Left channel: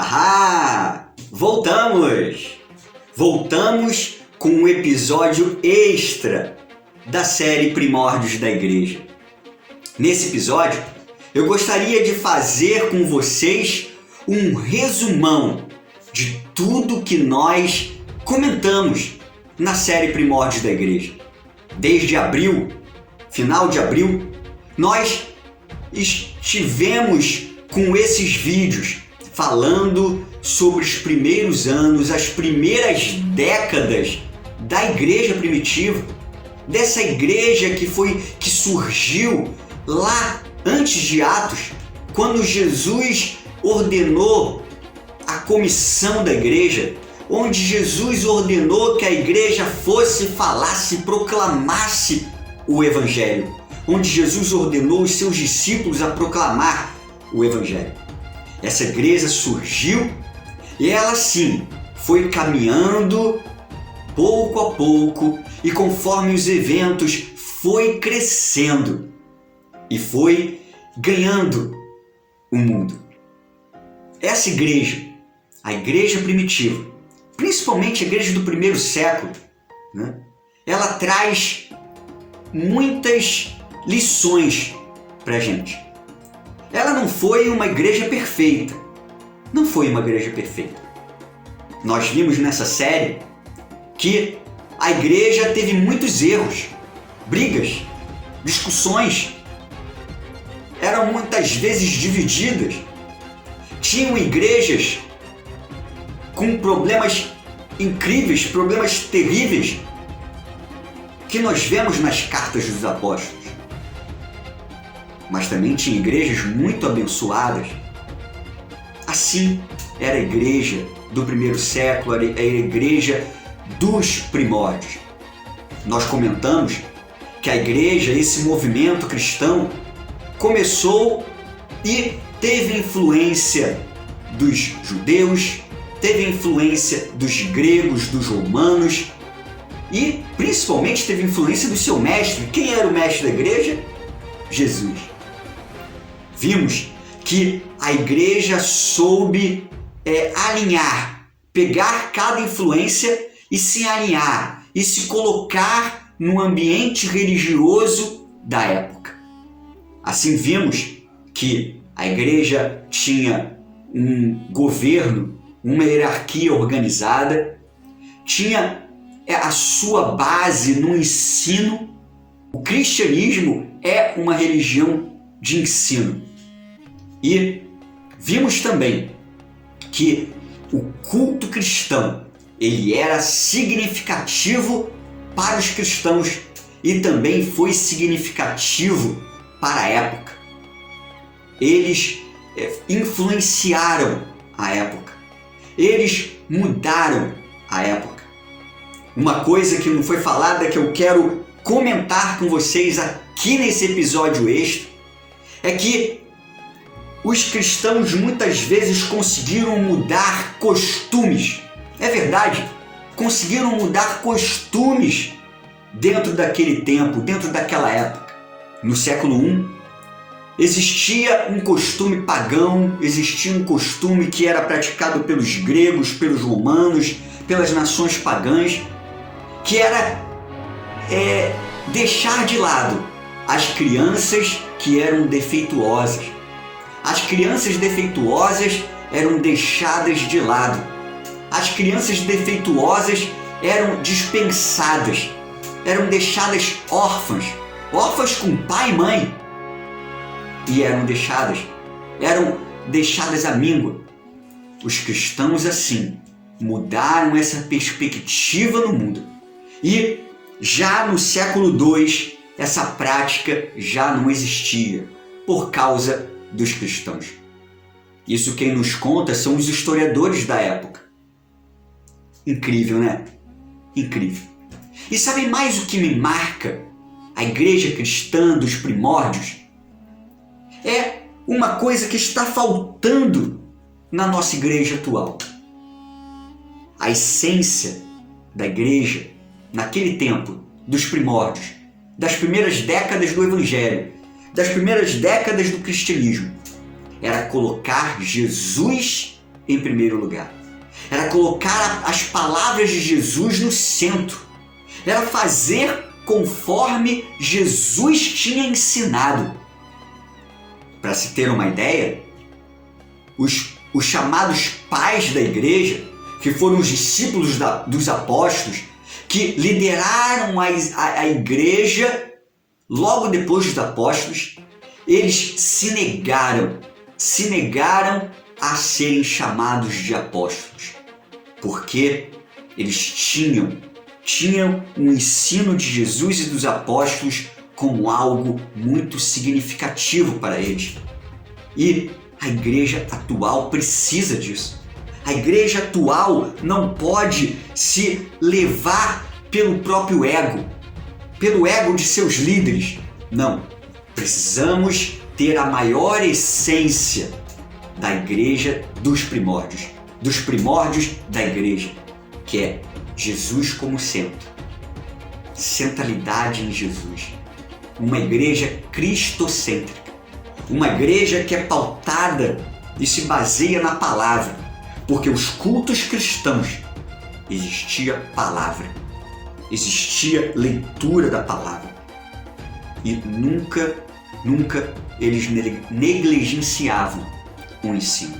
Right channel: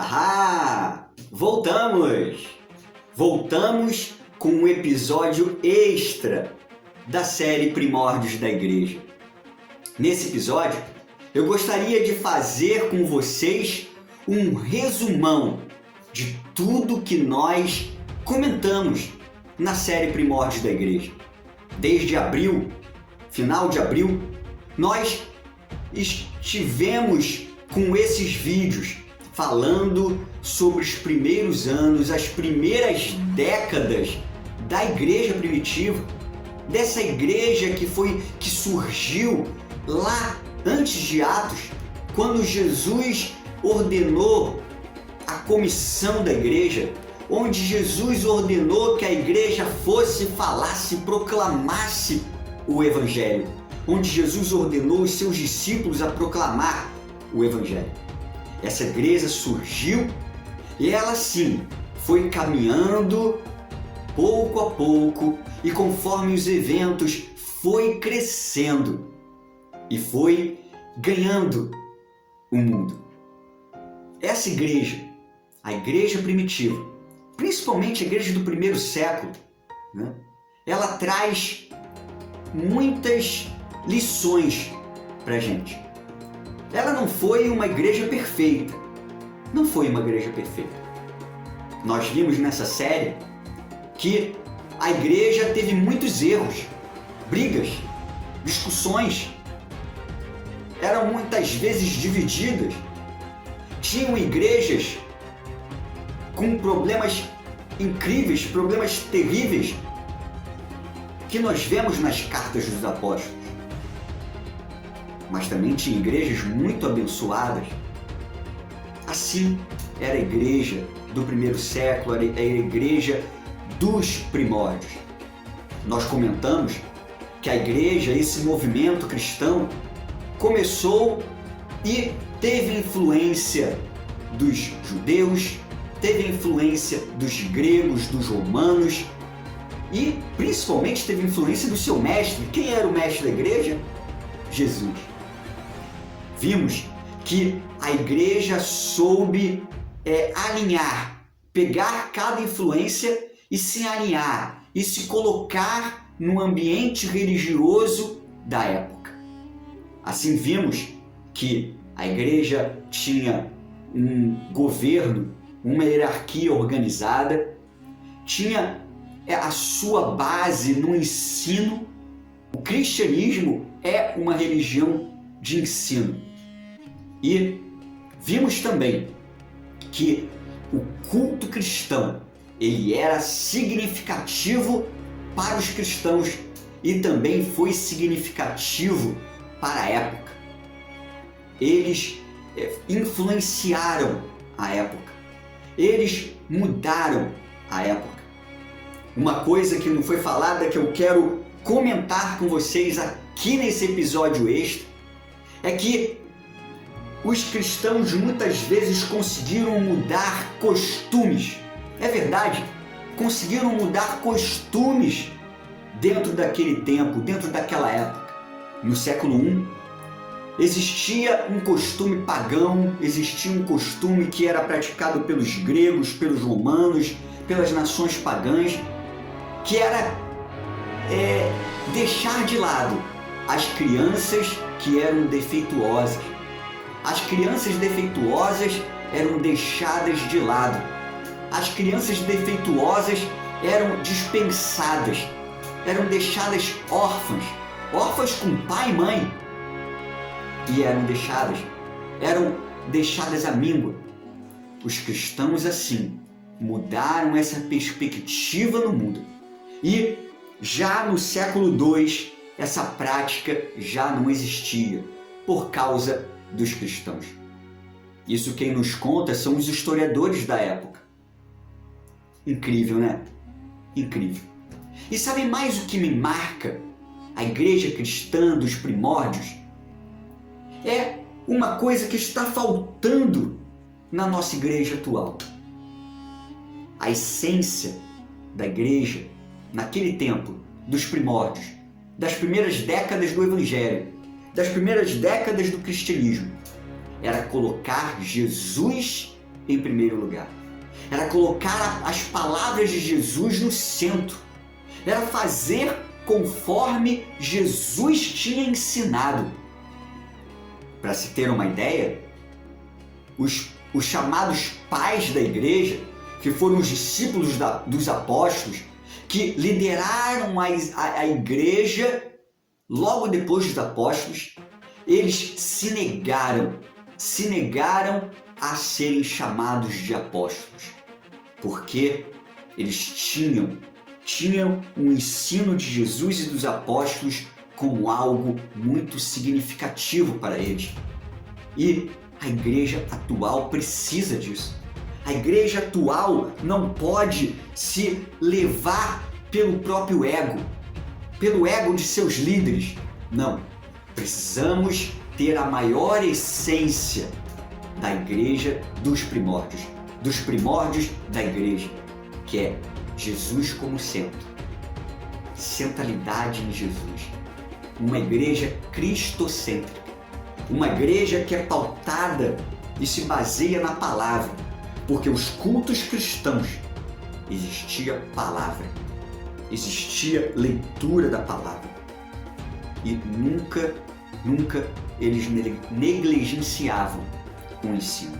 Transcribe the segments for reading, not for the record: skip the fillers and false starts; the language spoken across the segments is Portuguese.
Ahá! Voltamos! Voltamos com um episódio extra da série Primórdios da Igreja. Nesse episódio, eu gostaria de fazer com vocês um resumão de tudo que nós comentamos na série Primórdios da Igreja. Desde abril, final de abril, nós estivemos com esses vídeos falando sobre os primeiros anos, as primeiras décadas da igreja primitiva, dessa igreja que surgiu lá antes de Atos, quando Jesus ordenou a comissão da igreja, onde Jesus ordenou que a igreja fosse, falasse, proclamasse o Evangelho, onde Jesus ordenou os seus discípulos a proclamar o Evangelho. Essa igreja surgiu e ela sim foi caminhando pouco a pouco e conforme os eventos foi crescendo e foi ganhando o mundo. Essa igreja, a igreja primitiva, principalmente a igreja do primeiro século, né? Ela traz muitas lições para a gente. Ela não foi uma igreja perfeita. Não foi uma igreja perfeita. Nós vimos nessa série que a igreja teve muitos erros, brigas, discussões. Eram muitas vezes divididas. Tinham igrejas com problemas incríveis, problemas terríveis, que nós vemos nas cartas dos apóstolos. Mas também tinha igrejas muito abençoadas. Assim era a igreja do primeiro século, era a igreja dos primórdios. Nós comentamos que a igreja, esse movimento cristão, começou e teve influência dos judeus, teve influência dos gregos, dos romanos e principalmente teve influência do seu mestre. Quem era o mestre da igreja? Jesus. Vimos que a igreja soube alinhar, pegar cada influência e se alinhar e se colocar no ambiente religioso da época. Assim vimos que a igreja tinha um governo, uma hierarquia organizada, tinha a sua base no ensino. O cristianismo é uma religião de ensino. E vimos também que o culto cristão, ele era significativo para os cristãos e também foi significativo para a época. Eles influenciaram a época. Eles mudaram a época. Uma coisa que não foi falada que eu quero comentar com vocês aqui nesse episódio extra é que os cristãos muitas vezes conseguiram mudar costumes. É verdade, conseguiram mudar costumes dentro daquele tempo, dentro daquela época. No século I, existia um costume pagão, existia um costume que era praticado pelos gregos, pelos romanos, pelas nações pagãs, que era deixar de lado as crianças que eram defeituosas. As crianças defeituosas eram deixadas de lado. As crianças defeituosas eram dispensadas, eram deixadas órfãs, órfãs com pai e mãe, e eram deixadas à míngua. Os cristãos assim mudaram essa perspectiva no mundo. E já no século II, essa prática já não existia por causa dos cristãos. Isso quem nos conta são os historiadores da época. Incrível, né? Incrível. E sabe mais o que me marca a igreja cristã dos primórdios? É uma coisa que está faltando na nossa igreja atual. A essência da igreja naquele tempo, dos primórdios, das primeiras décadas do Evangelho, das primeiras décadas do cristianismo, era colocar Jesus em primeiro lugar. Era colocar as palavras de Jesus no centro. Era fazer conforme Jesus tinha ensinado. Para se ter uma ideia, os chamados pais da igreja, que foram os discípulos dos apóstolos, que lideraram a igreja logo depois dos apóstolos, eles se negaram a serem chamados de apóstolos, porque eles tinham o ensino de Jesus e dos apóstolos como algo muito significativo para eles. E a igreja atual precisa disso. A igreja atual não pode se levar pelo próprio ego, pelo ego de seus líderes. Não. Precisamos ter a maior essência da igreja dos primórdios da igreja, que é Jesus como centro. Centralidade em Jesus. Uma igreja cristocêntrica. Uma igreja que é pautada e se baseia na palavra, porque os cultos cristãos existia palavra, existia leitura da palavra e nunca eles negligenciavam o ensino.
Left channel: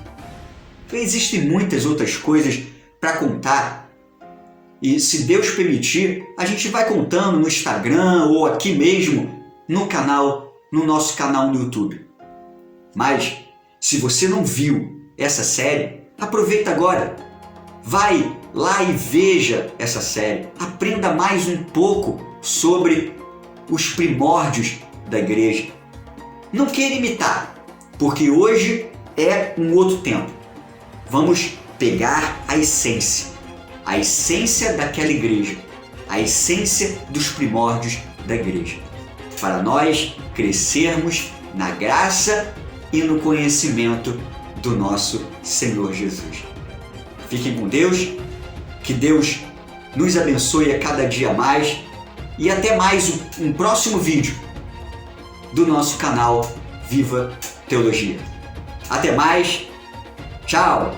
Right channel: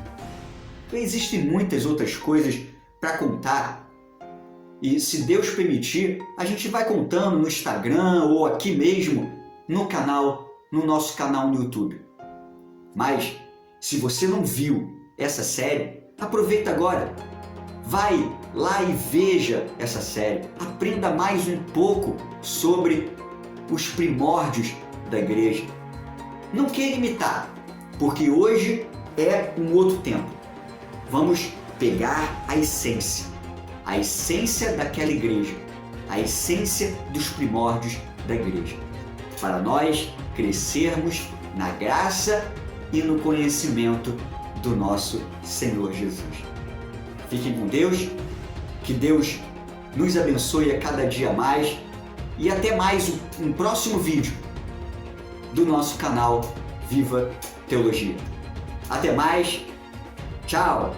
Existem muitas outras coisas para contar e, se Deus permitir, a gente vai contando no Instagram ou aqui mesmo no nosso canal no YouTube. Mas, se você não viu essa série, aproveita agora. Vai lá e veja essa série. Aprenda mais um pouco sobre os primórdios da igreja. Não queira imitar, porque hoje é um outro tempo. Vamos pegar a essência daquela igreja, a essência dos primórdios da igreja, para nós crescermos na graça e no conhecimento do nosso Senhor Jesus. Fiquem com Deus, que Deus nos abençoe a cada dia mais e até mais um próximo vídeo do nosso canal Viva Teologia. Até mais, tchau!